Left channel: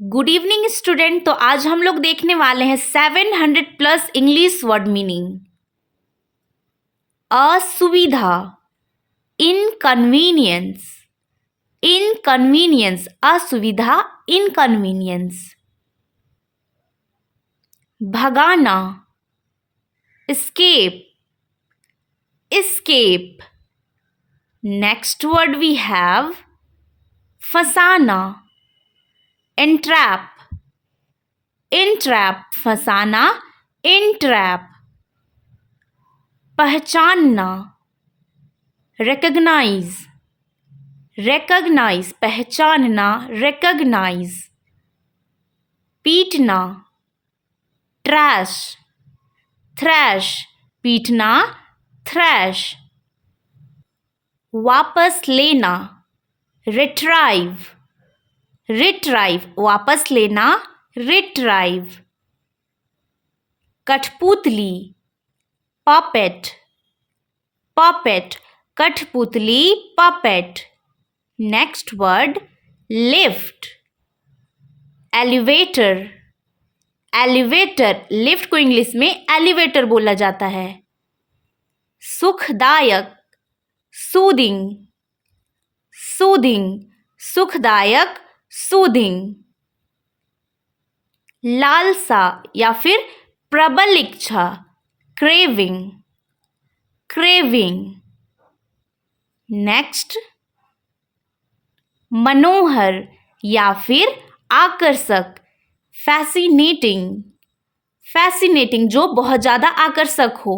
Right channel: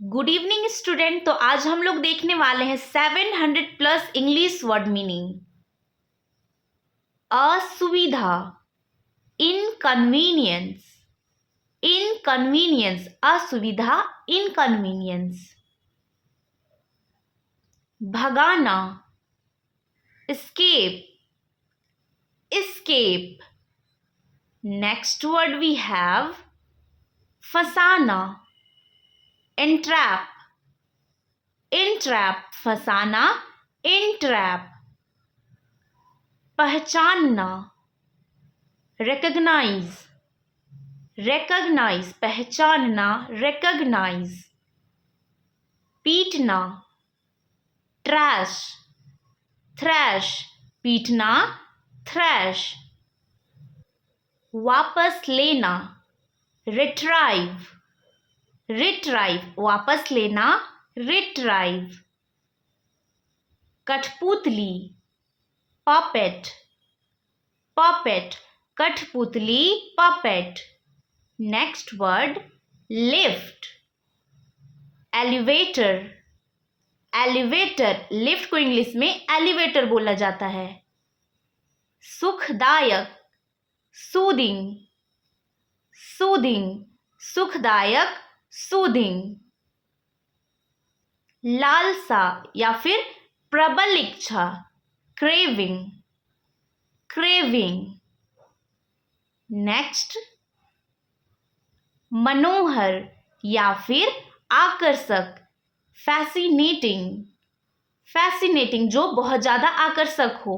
Good evening student. तो आज हम लोग देखने वाले हैं 700 प्लस इंग्लिश वर्ड मीनिंग। असुविधा, इनकन्वीनियंस, इनकन्वीनियंस, असुविधा, inconvenience. भगाना, escape, escape. Next word we have Fasana, entrap, entrap, Fasana, entrap. पहचानना, recognize, recognize, पहचानना, recognize. पीटना, trash, thrash, पीटना, thrash. वापस लेना, retrieve, retrieve, वापस लेना, retrieve. कठपुतली, puppet, puppet, कठपुतली, puppet. Next word lift, elevator, elevator, lift को इंग्लिश में elevator बोला जाता है. सुखदायक, soothing, soothing, सुखदायक, soothing. लालसा या फिर प्रबल इच्छा, craving, craving. नेक्स्ट मनोहर या फिर आकर्षक, fascinating, fascinating, जो बहुत ज़्यादा आकर्षक हो.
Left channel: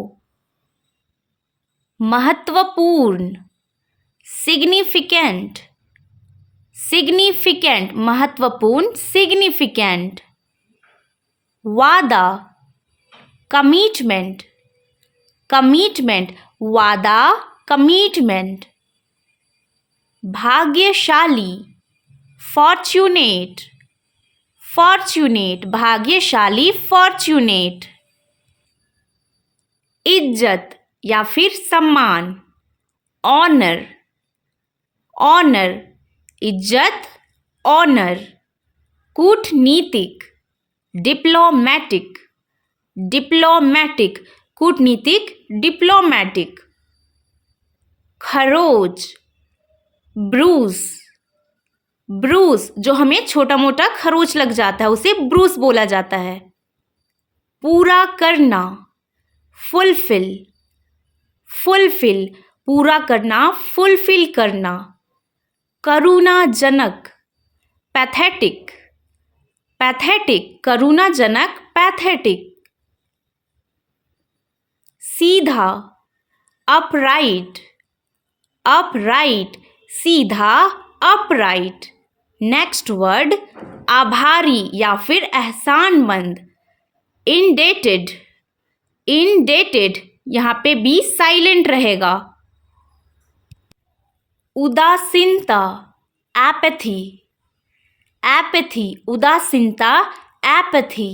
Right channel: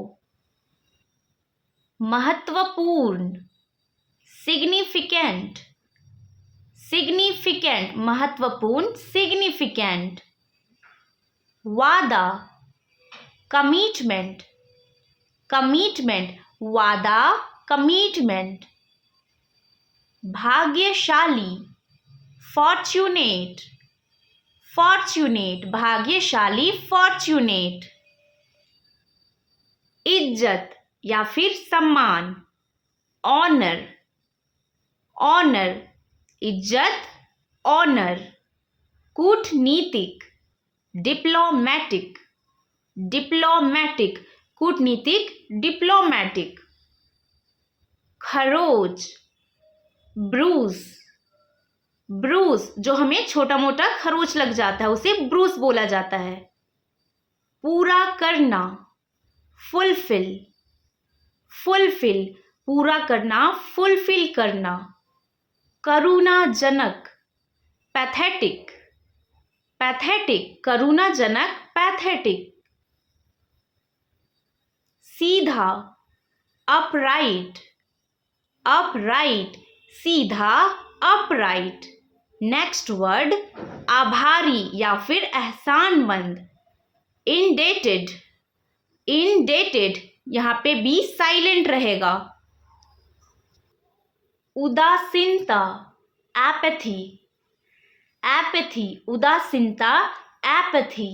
महत्वपूर्ण, significant, significant, महत्वपूर्ण, significant. वादा, commitment, commitment, वादा, commitment. भाग्यशाली, fortunate, fortunate, भाग्यशाली, fortunate. इज्जत या फिर सम्मान, honor, honor, इज्जत, honor. कूटनीतिक, diplomatic, diplomatic, कूटनीतिक, diplomatic. खरोच, ब्रूस, ब्रूस, जो हमें छोटा मोटा खरोच लग जाता है उसे ब्रूस बोला जाता है. पूरा करना, फुलफिल, फुलफिल, पूरा करना, फुलफिल करना. करुणाजनक, पैथेटिक, पैथेटिक, करुणाजनक, पैथेटिक. सीधा, अपराइट, अपराइट, सीधा, अपराइट. नेक्स्ट वर्ड आभारी या फिर एहसानमंद, इंडेटेड, इंडेटेड, यहाँ पे भी साइलेंट रहेगा. उदासीनता, एपैथी, एपैथी, उदासीनता, एपैथी.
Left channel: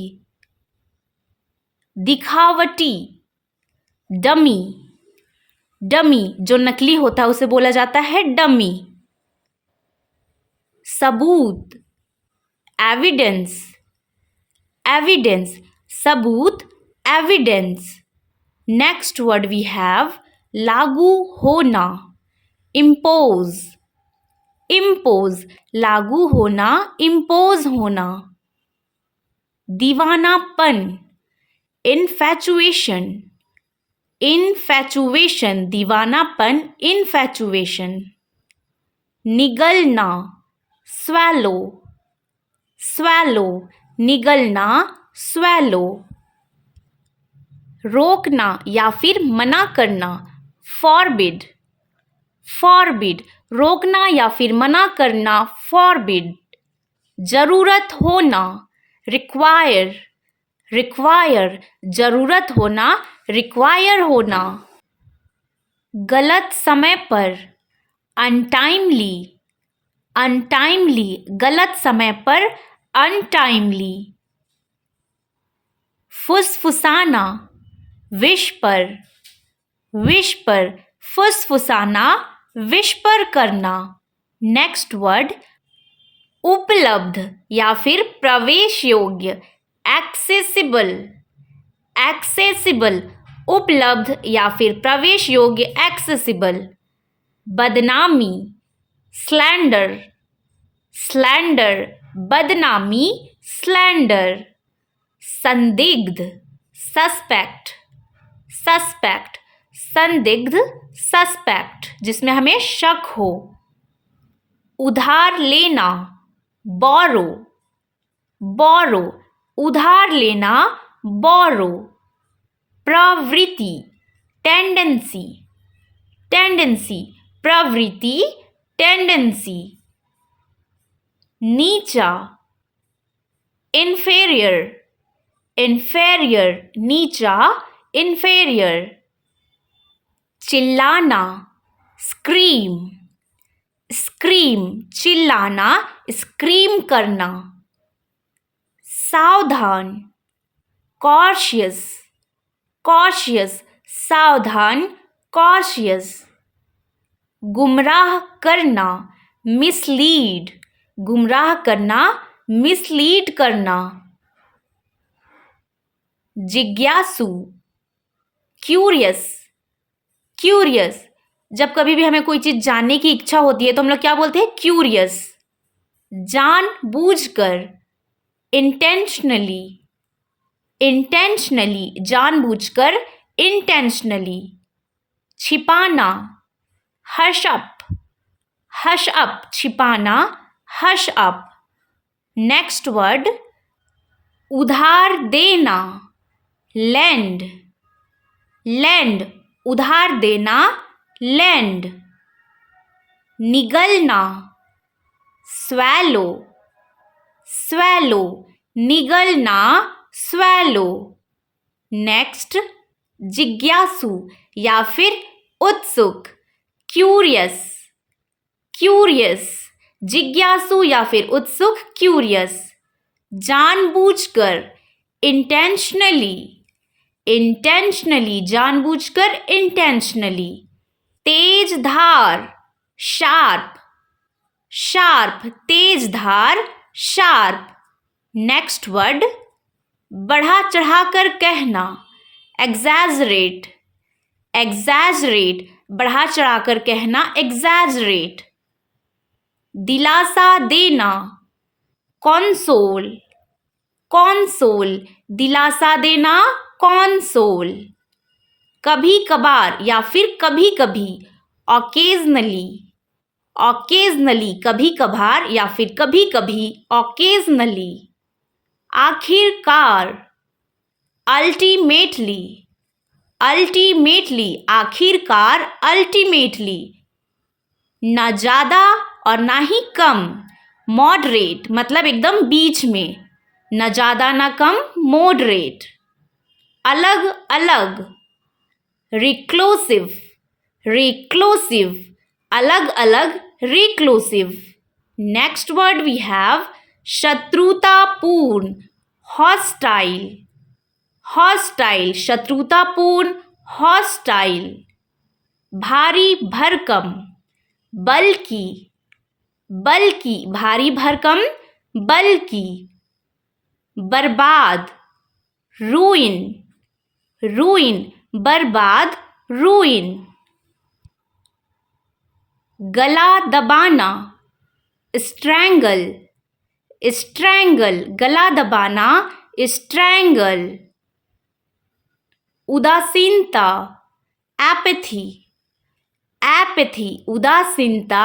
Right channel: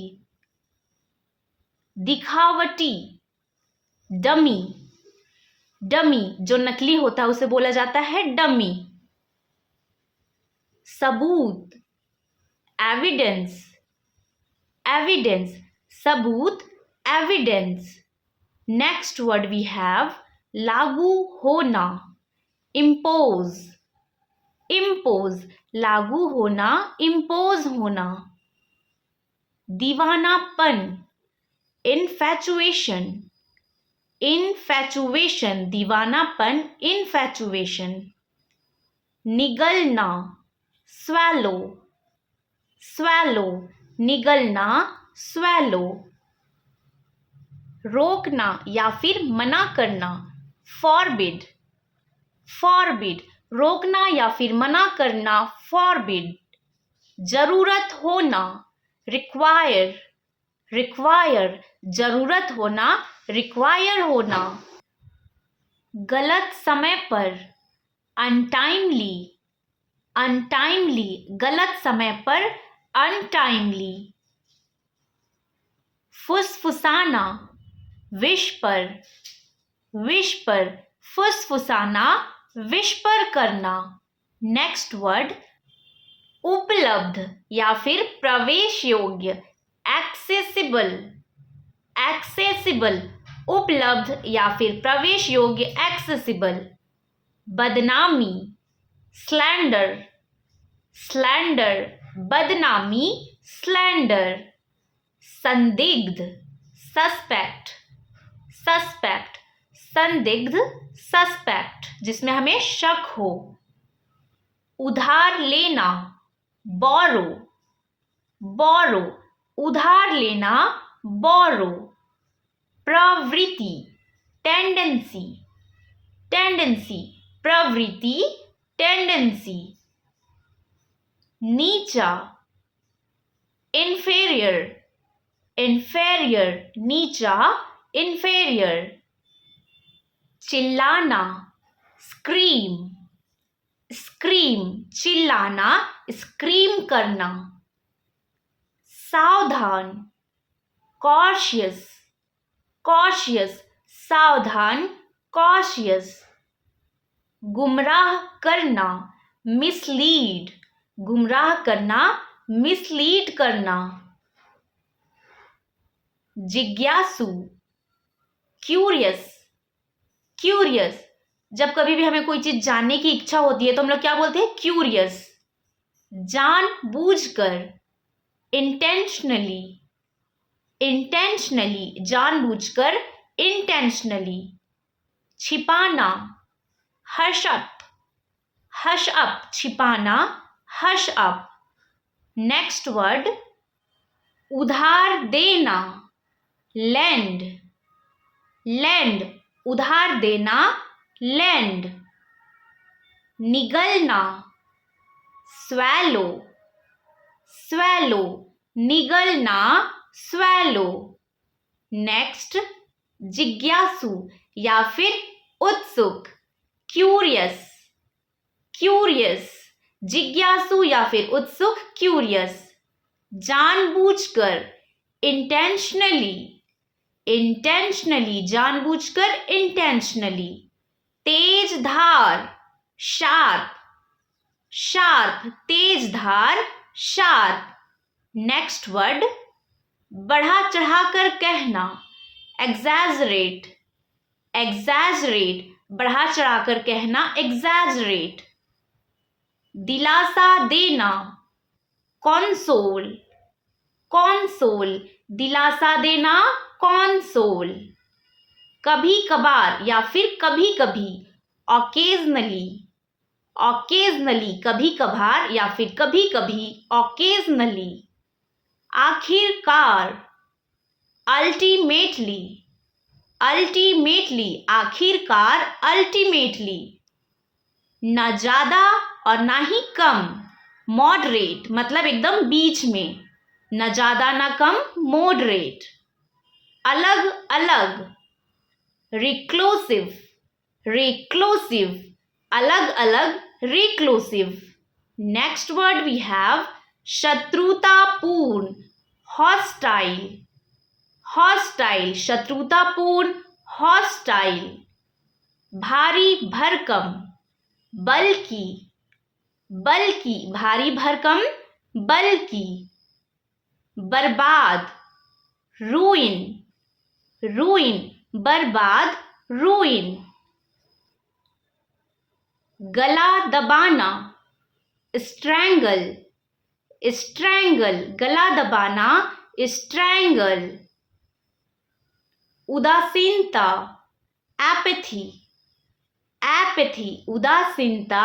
दिखावटी, डमी, डमी, जो नकली होता है उसे बोला जाता है डमी. सबूत, एविडेंस, एविडेंस, सबूत, evidence. Next word we have लागू होना, इम्पोज, इम्पोज, लागू होना, इम्पोज होना. दीवानापन, इन्फैचुएशन, इन्फैचुएशन, दीवानापन, इन्फैचुएशन. निगलना, स्वैलो, स्वैलो, निगलना, स्वैलो. रोकना या फिर मना करना, फॉरबिड, फॉरबिड, रोकना या फिर मना करना, फॉरबिड. जरूरत होना, रिक्वायर, रिक्वायर, जरूरत होना, रिक्वायर होना. गलत समय पर, अनटाइमली, अनटाइमली, गलत समय पर, अनटाइमली. फुसफुसाना, विस्पर, विस्पर, फुसफुसाना, विस्पर करना. नेक्स्ट वर्ड उपलब्ध या फिर प्रवेश योग्य, एक्सेसिबल, एक्सेसिबल, उपलब्ध या फिर प्रवेश योग्य, एक्सेसिबल। बदनामी, स्लैंडर, स्लैंडर, बदनामी, स्लैंडर। संदिग्ध, सस्पेक्ट, सस्पेक्ट, संदिग्ध, सस्पेक्ट, जिसमें हमें शक हो। उधार लेना, बोरो, बोरो, उधार लेना, बोरो। प्रवृत्ति, टेंडेंसी, टेंडेंसी, प्रवृत्ति, टेंडेंसी। नीचा, इंफेरियर, इंफेरियर, नीचा, इंफेरियर। चिल्लाना, स्क्रीम, स्क्रीम, चिल्लाना, स्क्रीम करना। सावधान, कॉशियस, कॉशियस, सावधान, कॉशियस। गुमराह करना, मिसलीड, गुमराह करना, मिसलीड करना। जिज्ञासु, क्यूरियस, क्यूरियस, जब कभी भी हमें कोई चीज जानने की इच्छा होती है तो हम लोग क्या बोलते हैं? क्यूरियस। जानबूझकर, इंटेंशनली, इंटेंशनली, जानबूझकर, इंटेंशनली। छिपाना, हश अप, हश अप, छिपाना, हश अप। नेक्स्ट वर्ड, उधार देना, लैंड, लैंड, उधार देना, लैंड। निगलना, स्वैलो, स्वैलो, निगलना, स्वैलो। नेक्स्ट, जिज्ञासु या फिर उत्सुक, क्यूरियस, क्यूरियस, जिज्ञासु या फिर उत्सुक, क्यूरियस। जानबूझकर, इंटेंशनली, इंटेंशनली, जानबूझकर, इंटेंशनली। तेज धार, शार्प, शार्प, तेज धार, शार्प। नेक्स्ट वर्ड, बढ़ा चढ़ाकर कहना, एग्जैजरेट, एग्जैजरेट, बढ़ा चढ़ाकर कहना, एग्जैजरेट। दिलासा देना, कॉन्सोल, कॉन्सोल, दिलासा देना, कॉन्सोल। कभी कभार या फिर कभी कभी, ऑकेजनली, ऑकेजनली, कभी कभार या फिर कभी कभी, ऑकेजनली। आखिरकार, अल्टीमेटली, अल्टीमेटली, आखिरकार, अल्टीमेटली। ना ज़्यादा और ना ही कम, मॉडरेट, मतलब एकदम बीच में, ना ज़्यादा ना कम, मॉडरेट। अलग अलग, रिक्लोसिव, रिक्लोसिव, अलग अलग, रिक्लोसिव। नेक्स्ट वर्ड वी हैव शत्रुतापूर्ण, हॉस्टाइल, हॉस्टाइल, शत्रुतापूर्ण, हॉस्टाइल। भारी भरकम, बल्कि, बल्कि, भारी भरकम, बल्कि। बर्बाद, रूइन, रूइन, बर्बाद, रूइन। गला दबाना, स्ट्रैंगल, स्ट्रैंगल, गला दबाना, स्ट्रैंगल। उदासीनता, एपैथी, एपैथी, उदासीनता,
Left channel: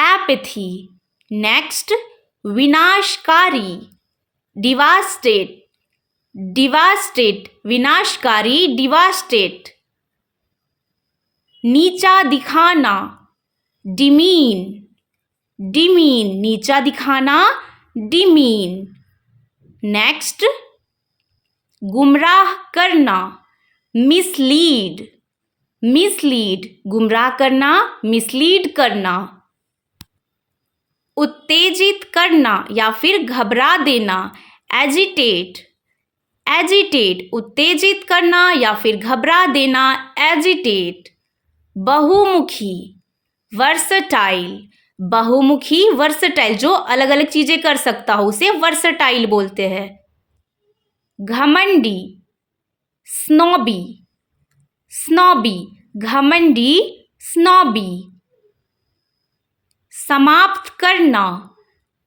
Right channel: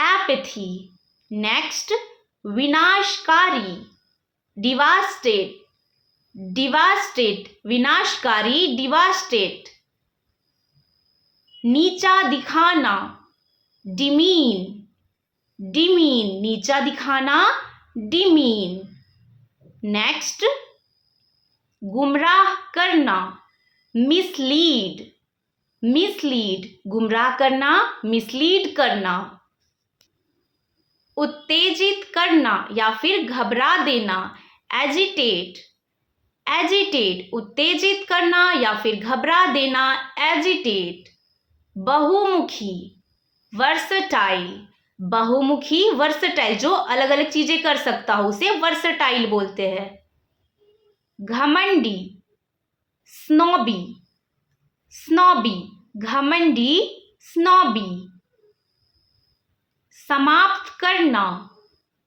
एपैथी। नेक्स्ट, विनाशकारी, डिवास्टेट, डिवास्टेट, विनाशकारी, डिवास्टेट। नीचा दिखाना, डिमीन, डिमीन, नीचा दिखाना, डिमीन। नेक्स्ट, गुमराह करना, मिसलीड, मिसलीड, गुमराह करना, मिसलीड करना। उत्तेजित करना या फिर घबरा देना, एजिटेट, एजिटेट, उत्तेजित करना या फिर घबरा देना, एजिटेट। बहुमुखी, वर्सटाइल, बहुमुखी वर्सटाइल, जो अलग अलग चीजें कर सकता हो उसे वर्सटाइल बोलते हैं। घमंडी, स्नॉबी, स्नॉबी, घमंडी, स्नॉबी। समाप्त करना,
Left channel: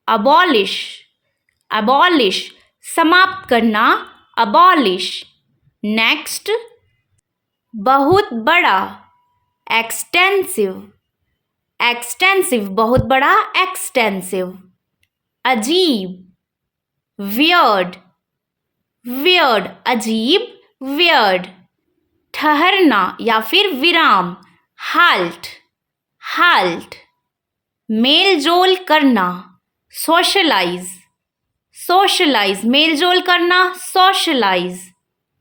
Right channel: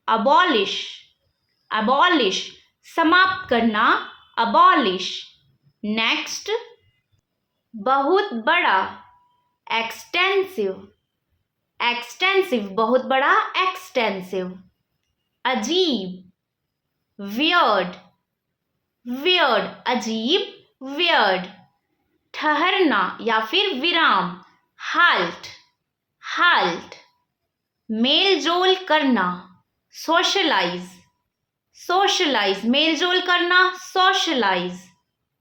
अबॉलिश, अबॉलिश, समाप्त करना, अबॉलिश। नेक्स्ट, बहुत बड़ा, एक्सटेंसिव, एक्सटेंसिव, बहुत बड़ा, एक्सटेंसिव। अजीब, वियर्ड, वियर्ड, अजीब, वियर्ड। ठहरना या फिर विराम, हाल्ट, हाल्ट। मेल जोल करना, सोशलाइज, सोशलाइज, मेल जोल करना, socialise.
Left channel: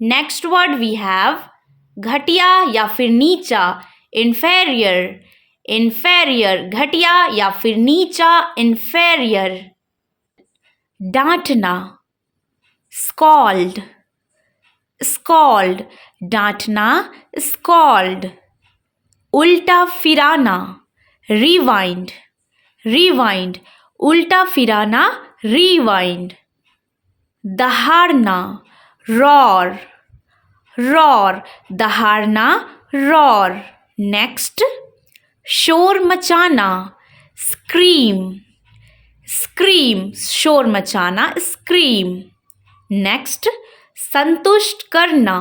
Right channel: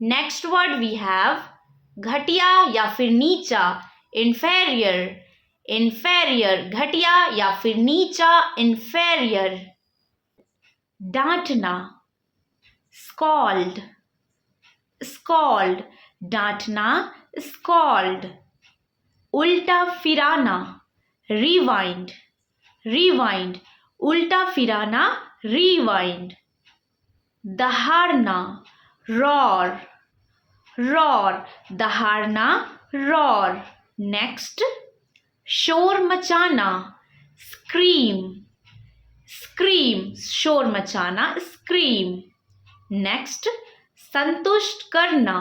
Next word we have घटिया या फिर नीचा, इन्फेरियर, इन्फेरियर, घटिया या फिर नीचा, इन्फेरियर। डांटना, स्कॉल्ड, स्कॉल्ड, डांटना, स्कॉल्ड। उल्टा फिराना, रिवाइंड, रिवाइंड, उल्टा फिराना, रिवाइंड। दहाड़ना, रॉर, रॉर, दहाड़ना, रॉर। नेक्स्ट, शोर मचाना, स्क्रीम, स्क्रीम, शोर मचाना, स्क्रीम। नेक्स्ट, संतुष्ट करना,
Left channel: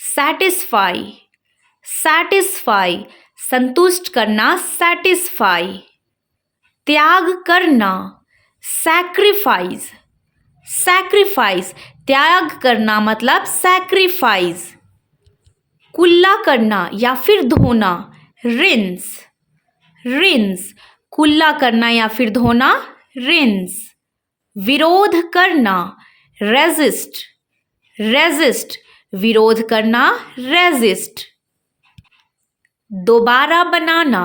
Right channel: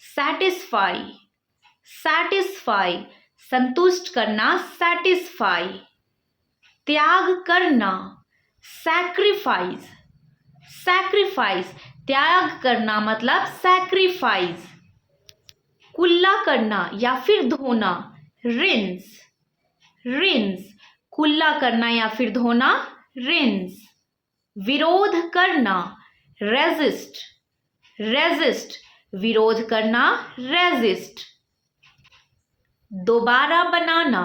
सैटिस्फाई, सैटिस्फाई, संतुष्ट करना, सैटिस्फाई। त्याग करना, सैक्रिफाइस, सैक्रिफाइस, त्याग करना मतलब सैक्रिफाइस। कुल्ला करना या फिर धोना, रिंस, रिंस, कुल्ला करना या फिर धोना, रिंस। विरोध करना, रेजिस्ट, रेजिस्ट, विरोध करना, रेजिस्ट। दोबारा बनाना,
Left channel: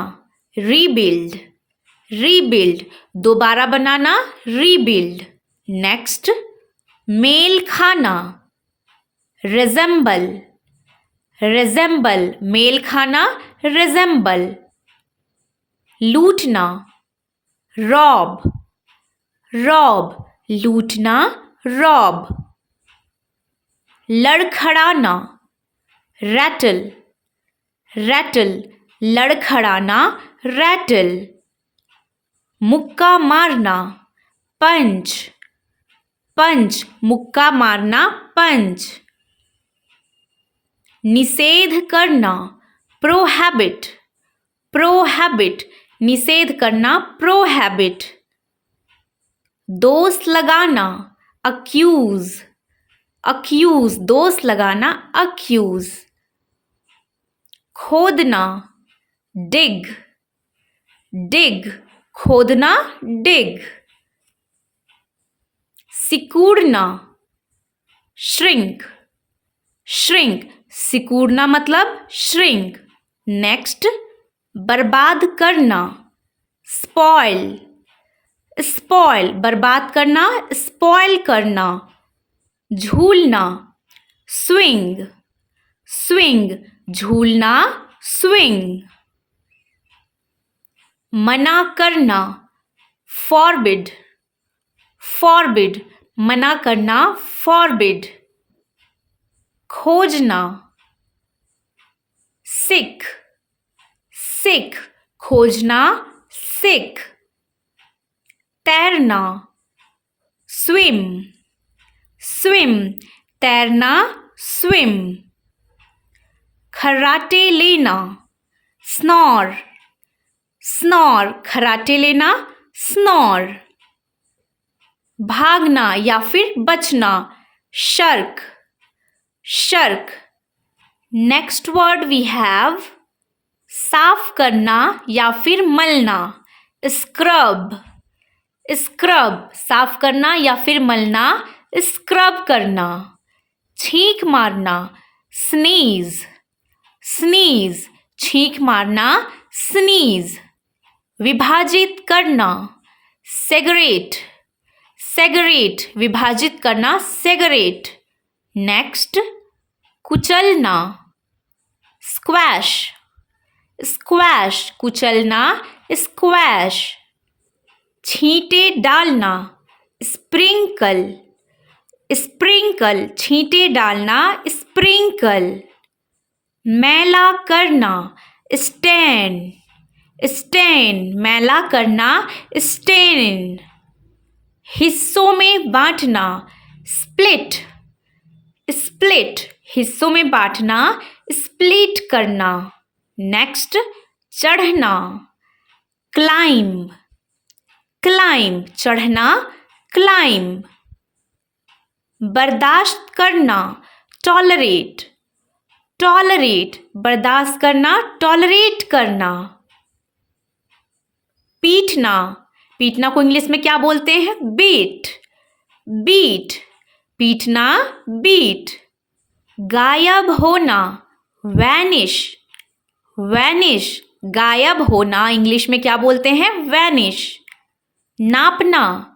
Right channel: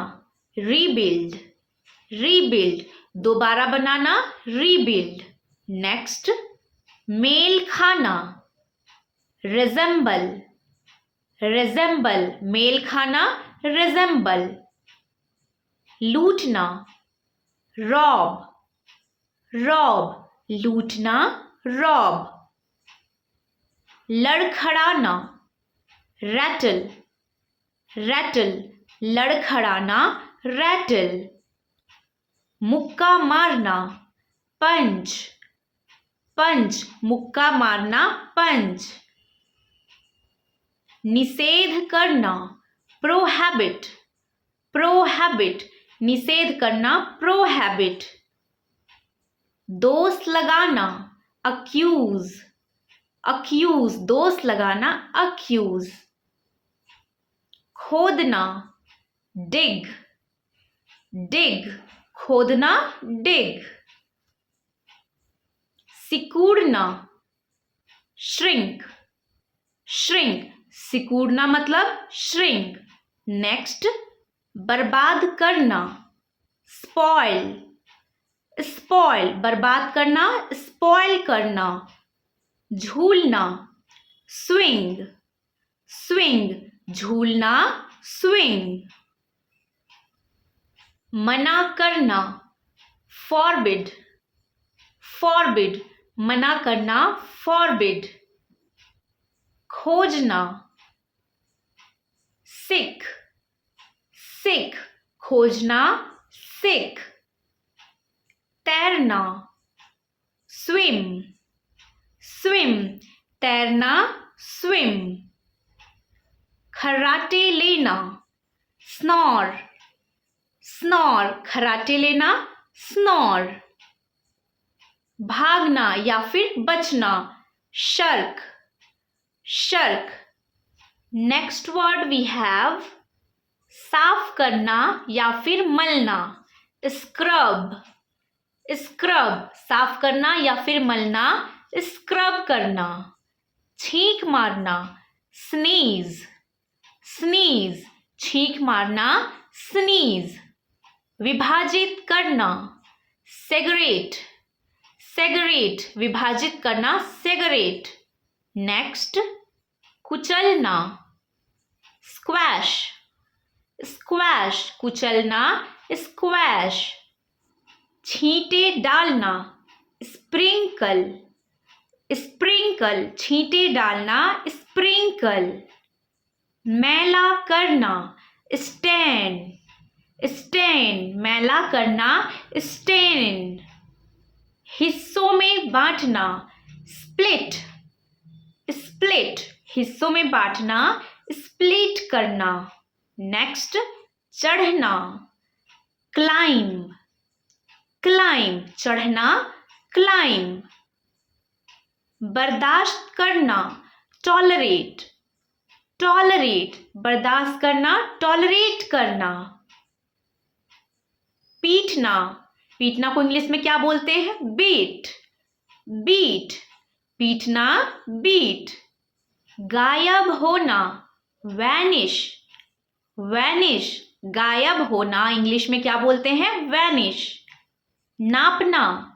रीबिल्ड, रीबिल्ड, दोबारा बनाना, रीबिल्ड। नेक्स्ट, मेल खाना, रिजेंबल, रिजेंबल, मेल खाना, रिजेंबल। लूटना, रॉब, रॉब, लूटना, रॉब। लड़खड़ाना, रैटल, रैटल, लड़खड़ाना, रैटल। मुक्का मारना, पंच, पंच, मुक्का मारना, पंच। निषेध करना, प्रोहैबिट, प्रोहैबिट, निषेध करना, प्रोहैबिट। दोष लगाना, अक्यूज, अक्यूज, दोष लगाना, अक्यूज। खोदना, डिग, डिग, खोदना, डिग। सिकुड़ना, श्रिंक, श्रिंक, सिकुड़ना मतलब श्रिंक। नेक्स्ट, बर्बाद करना, स्पॉइल, स्पॉइल, बर्बाद करना, स्पॉइल करना। झूलना, स्विंग, स्विंग, झूलना, स्विंग। मना करना, फॉरबिड, फॉरबिड, मना करना, फॉरबिड। खोजना, सिख, सिख, खोजना, सिख। तैरना, स्विम, स्विम, तैरना, स्विम। खर्राटे लेना, स्नॉर, स्नॉर, खर्राटे लेना, स्नॉर। भागना या फिर बचना, shirk, shirk. Next word we have साफ करना या फिर मलना, स्क्रब, स्क्रब, साफ करना या फिर मलना, स्क्रब करना। छींक मारना, स्नीज, स्नीज, छींक मारना, स्नीज। विभाजित करना, सेगरेट, सेगरेट, विभाजित करना, सेगरेट। नेक्स्ट, कुचलना, स्क्वैश, स्क्वैश, कुचलना, स्क्वैश। छींटे डालना, स्प्रिंकल, स्प्रिंकल, छींटे डालना, स्प्रिंकल। मैला करना, स्टेन, स्टेन, मैला करना, स्टेन। हिस्सों में बांटना, स्प्लिट, स्प्लिट, हिस्सों में बांटना, स्प्लिट करना। नेक्स्ट, चढ़ना, क्लाइंब, क्लाइंब, चढ़ना, क्लाइंब। बर्दाश्त करना, टॉलरेट, टॉलरेट, बर्दाश्त करना, टॉलरेट करना। पीटना, पीटना को इंग्लिश में क्या बोलते हैं? बीट, बीट, पीटना, बीट। गायब होना, वैनिश, वैनिश, गायब होना इंग्लिश में क्या बोलते हैं? वैनिश। नापना,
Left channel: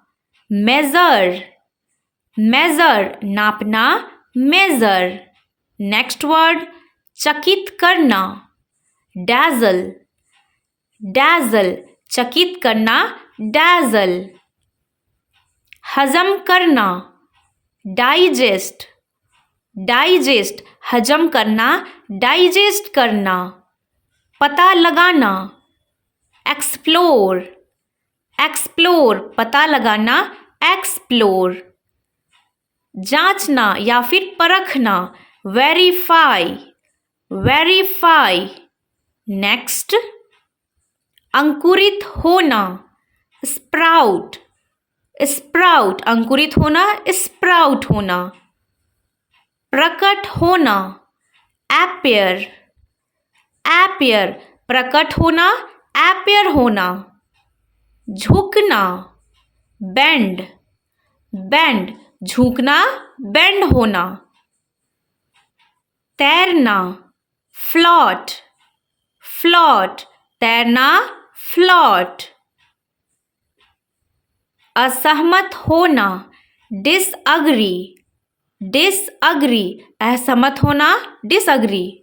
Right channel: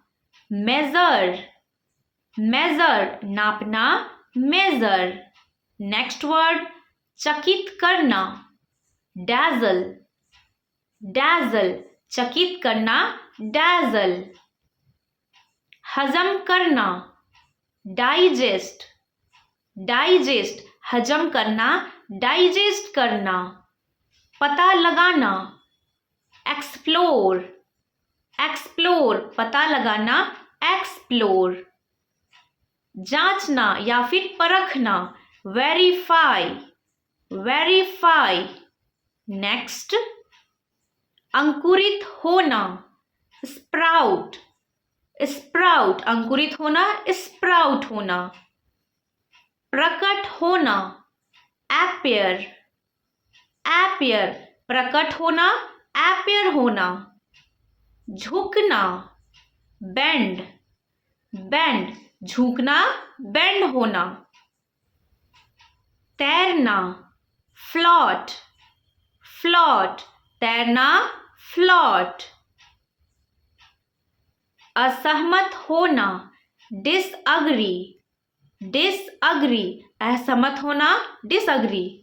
मेजर, मेजर, नापना, मेजर। नेक्स्ट वर्ड, चकित करना, डैजल, डैजल, चकित करना, डैजल। हजम करना, डाइजेस्ट, डाइजेस्ट, हजम करना, डाइजेस्ट करना। पता लगाना, एक्सप्लोर, एक्सप्लोर, पता लगाना, एक्सप्लोर। जांचना या फिर परखना, वेरीफाई, वेरीफाई। नेक्स्ट, अंकुरित होना, स्प्राउट, स्प्राउट, अंकुरित होना, स्प्राउट होना। प्रकट होना, एपियर, एपियर, प्रकट होना, एपियर होना। झुकना, बेंड, बेंड, झुकना, बेंड होना। तैरना, फ्लॉट, फ्लॉट, तैरना, फ्लॉट। असहमत होना, डिसअग्री, डिसअग्री, असहमत होना, डिसअग्री।